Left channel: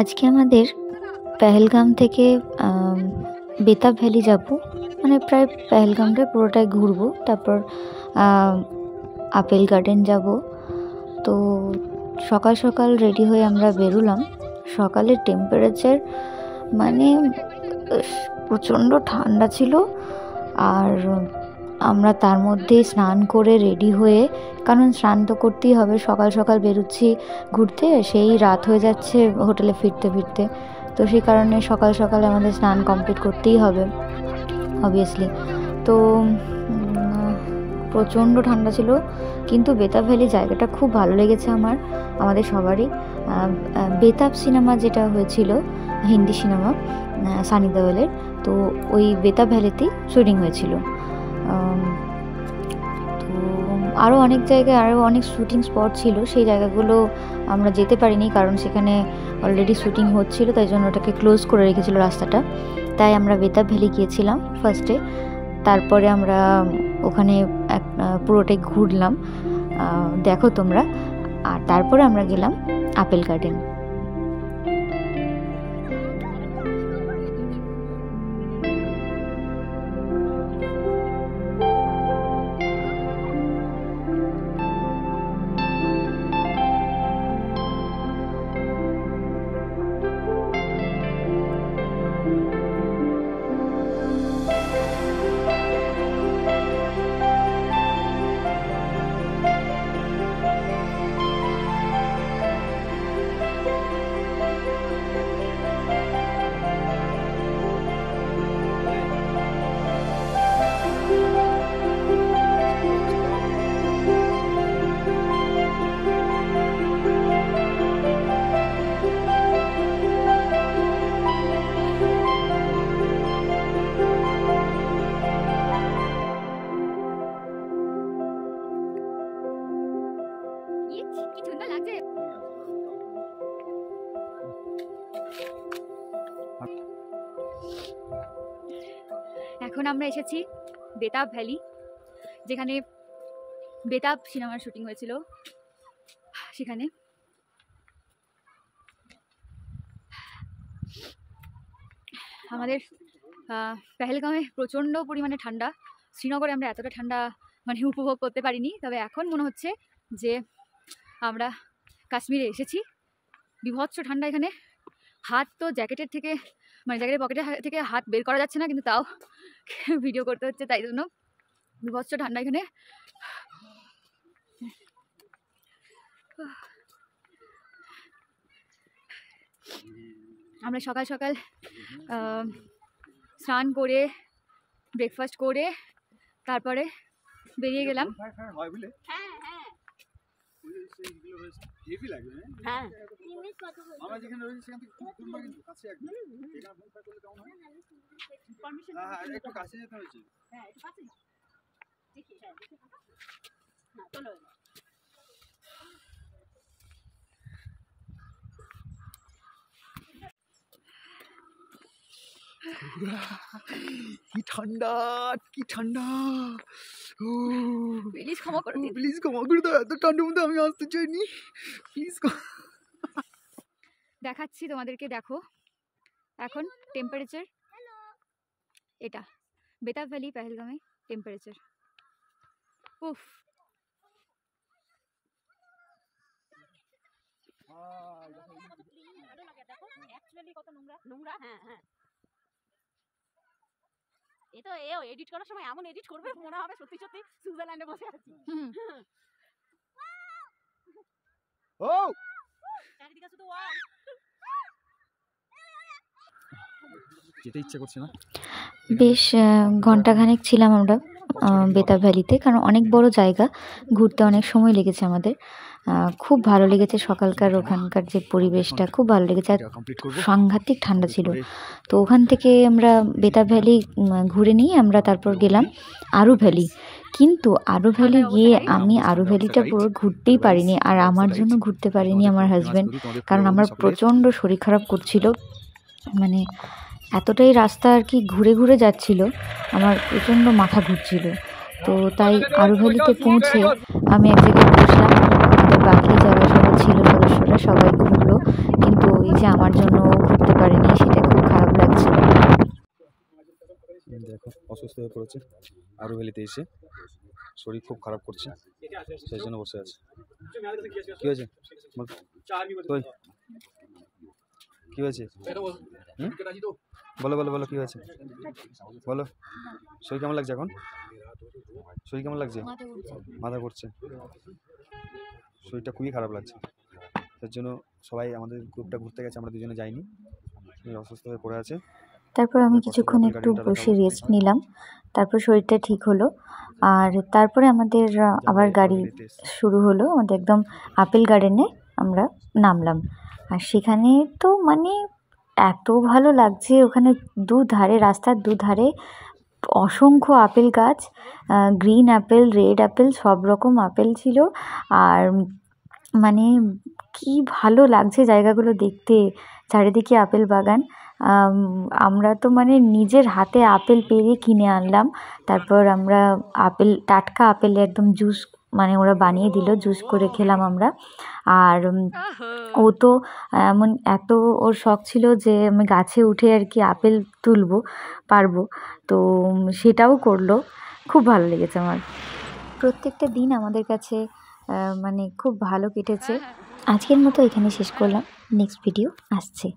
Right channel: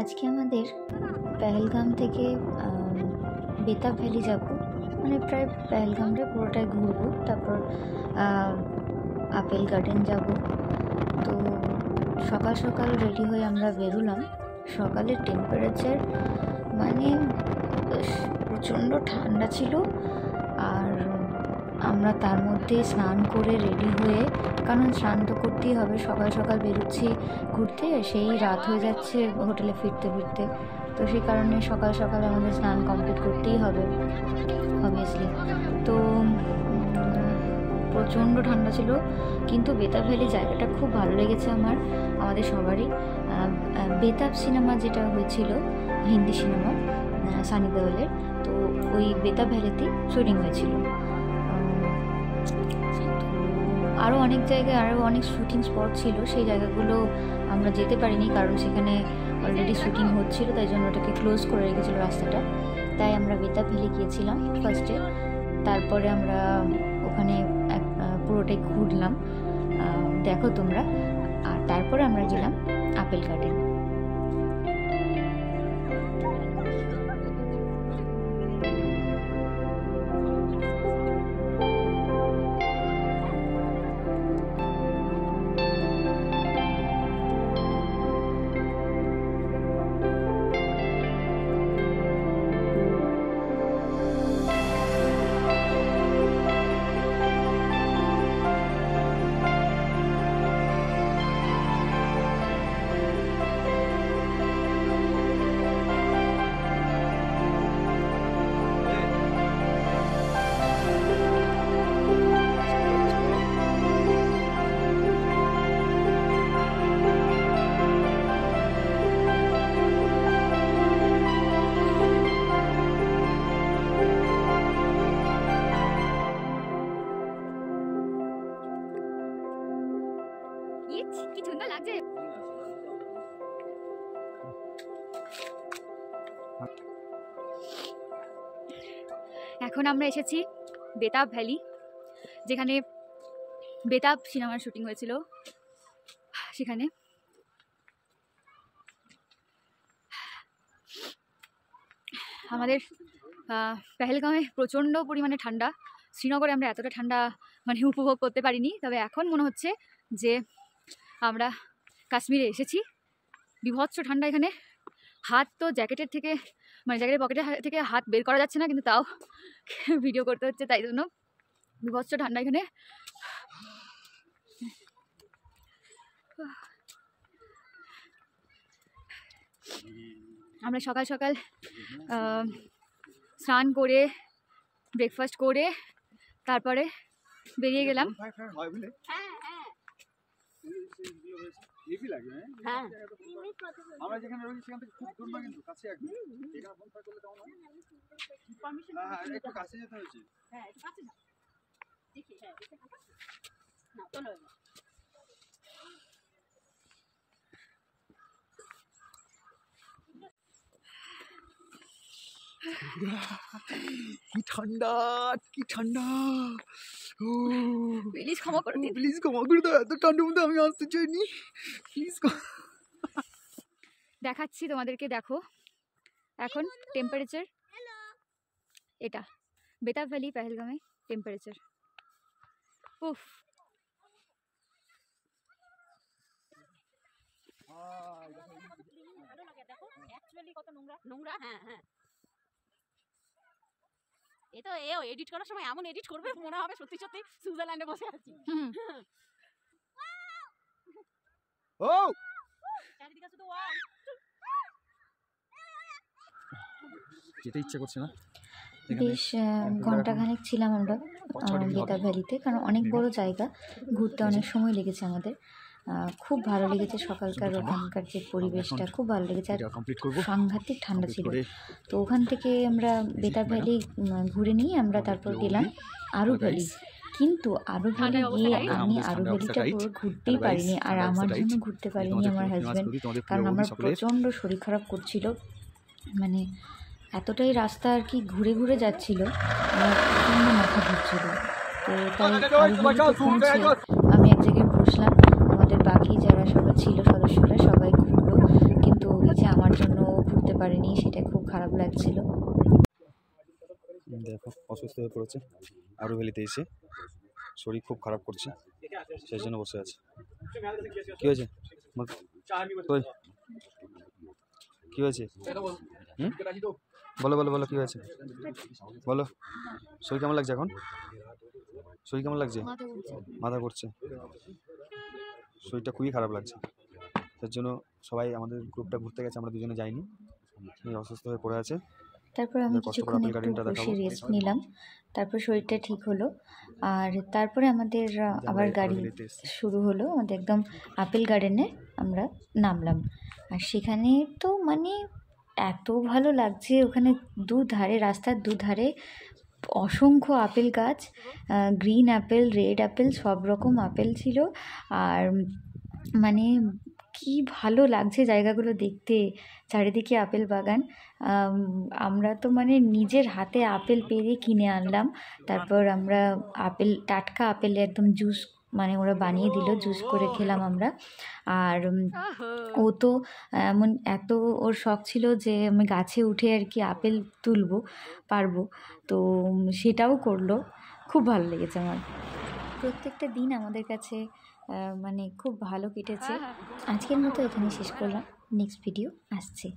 আজকে আমাদের পেহেলগাম থেকে বেতাব ভ্যালি যাব, মানে প্রায় পেহেলগামটা পুরোটাই ঘুরবো। তারপর আপেল গার্ডেন যাব। তো সকাল সকাল রেডি হয়ে আমরা বেরোলাম। সকালের টেম্পারেচার মানে প্রচণ্ড ঠান্ডা ছিল, আর আমরা তার মধ্যে স্নান করে রেডি হয়ে, কারণ স্নান তো করতেই হবে, সকাল সকাল বেরোচ্ছি ঘুরতে, সেই রাত হয়ে যাচ্ছে হোটেলে ফিরতে ফিরতে। তো সেই কারণে সকাল সকাল আমাদের স্নান কমপ্লিট করতেই হবে অবভিয়াসলি। তো প্রচণ্ড ঠান্ডা ছিল, কিন্তু বেতাব ভ্যালি জায়গাটা খুব ভালো লেগেছে আমাদের সবারই। বেতাব সিনেমা যেটা হয়েছিল, হিন্দি সিনেমা সানি দেওয়ালের, তো ওই বেতাব ভ্যালিতেই শুটিং হয়েছিল। তো আরও অনেক জায়গায় আরও অনেক শুটিং স্পট ছিল, সেই জায়গাগুলো আমরা যেতে পারিনি, কারণ সেখানে অলরেডি শুটিং হচ্ছিল, তাই জন্য ওটাকে ক্লোজ করে রেখেছিল রাস্তাটা। তাই আমরা বেতাব ভ্যালি গিয়েছিলাম ফার্স্টে, তারপরে আমরা ওখানে পুরোটাই ঘুরলাম, দেখো তোমরা। আর তারপরে আমরা গেলাম আপেল গার্ডেন। কি সুন্দর লাগছে। এখন আমরা এসেছি বেতাব ভ্যালি, যেখানে বেতাব সিনেমার শুটিং হয়েছিল। সেখানে আমাদের পেহেলগামে প্রচণ্ড পরিমাণে ঠান্ডা, শ্রীনগরে আমরা এতটা ঠান্ডা মানে উপভোগ করতে পারিনি। তবে এখন মনে হচ্ছে যে আমরা কাশ্মীরে এসেছি। বিভৎস ঠান্ডা এখানে, হাত তো জ্যাকেটের থেকে মানে জ্যাকেটের পকেটের থেকে হাত বের করা যাচ্ছে না, কিন্তু তাও ভিডিও করতে হচ্ছে, তাই জন্য বিভৎস ঠান্ডা এখানে। আমরা সকাল সকাল স্নান করে ব্রেকফাস্ট করে তারপরে বেরিয়ে গেলাম। আমরা যেখানে রয়েছি সেখান থেকে খুব দূর না, কিন্তু কাছে একদম। এখানে বনফায়ার করলে কেমন হয়? পারমিশন, হ্যাঁ একটু কাছে যেতে হয়েছে। হ্যাঁ একটু কাছে না, দেখি, হ্যাঁ দেখে থাকা না, চলো। কি ঠান্ডা, কি ঠান্ডা। প্লিজ ক্ষমা করে দিন, প্লিজ ক্ষমা করে দাও, এত ঠান্ডার মধ্যে আমি আসতে চাইনি, প্লিজ। দেখাচ্ছি তোমাদেরকে, দেখো এখন টেম্পারেচার, এটা বেতাব ভ্যালি পেহেলগামে টেম্পারেচার। উফ, কত নোংরা নোংরা। হ্যাঁ হ্যাঁ, এই তো এডিট করার সময় এমন এডিট করবে মনে হবে সত্যি সত্যি সুইজারল্যান্ডে বসে আছি। ও চারিদিকে শুধু যেতে ইচ্ছে করছে না। বেশ ঘন্টাখানেক ছিলাম আমরা বেতাব ভ্যালিতে, কারণ অনেক বড় জায়গা, ঘুরতে অনেক সময় লেগেছে আমাদের। খুব ভালো লেগেছে সকালকার ওখানকার যে পরিবেশটা, খুব ভালো লেগেছে। আর সাংঘাতিক ঠান্ডা ছিল। তো ওখান থেকে আমরা বেতাব ভ্যালি ঘুরে নিয়ে আমরা তারপর গেলাম আরু ভ্যালি। কিন্তু আরু ভ্যালি গিয়ে আমি আরু ভ্যালিটা পুরো ঘুরতেই পারিনি, আর আমার জন্য ঘুরতে পারিনি আমার হাজব্যান্ড, কারণ আমার প্রচণ্ড শরীর খারাপ করছিল। মানে এতটাই রাস্তা আর কি ঘুরে ঘুরে যাচ্ছিল, আমার প্রচণ্ড মাথা ঘুরছিল। তো তাই আরু ভ্যালিতে পৌঁছে আমি এক জায়গায় বসলাম, আমাদের বাকি যারা সবাই ছিল সদস্যরা সবাই ঘুরলো, কিন্তু ওই যে আমার জন্য অসুস্থ হয়ে পড়েছে আরু ভ্যালিতে এসে, শরীর খুব খারাপ করছে, সেই জন্য বসে আছে। কী হয়েছে তুই, কী হয়েছে? বলো বলো বলো, কী হয়েছে বলো। শরীর কেমন লাগছে এখন? শরীর কেমন লাগছে? মাথা ঘুরছে, শরীরটা খুবই খারাপ লাগছে। তার জন্য সবাই আমাদের গ্রুপটা ঘুরতে গেছে, আমরা দুজনে যাইনি, অসুস্থ হয়ে পড়ে আছে। তারপর আমি কিছুক্ষণ একটু বসে রেস্ট নিলাম, তারপর শরীরটা ঠিক হলো। আর তারপরে আমাদের আবার গাড়ি শুরু হলো, আমাদের একদম আপেল গার্ডেনে আমরা নামলাম। আর সেখানে তো মানে এত ভালো লাগছে, ওখানে দুধারে, রাস্তার দুধারে অসংখ্য আপেল গাছ, গ্রিন অ্যাপেল, রেড অ্যাপেল, সব রকম আপেল ছিল। আর মানে কি ভালো লাগছে জায়গাগুলো দেখতে, চারিদিকে আপেল বাগান। আমরা তো মানে নিজের হাতে আপেল পেড়ে কিনে আনলাম, তারপর আমরা আপেল, টাটকা আপেল একদম জুস, মানে ওরা বানিয়ে দিল, জুস করে খেলাম আমরা। আর ও তো এমন এত ওর শখ ছিল যে আমি গাছে উঠে আর কি আপেল তুলবো পারবো, তো সেটাও করলো। খুব ভালো লেগেছে আমার। প্রত্যেকটা দিন আমাদের কাছে মানে খুব ভালো কেটেছে। আজকের মতো এখানে শেষ করলাম, নেক্সট ভিডিও আসছে।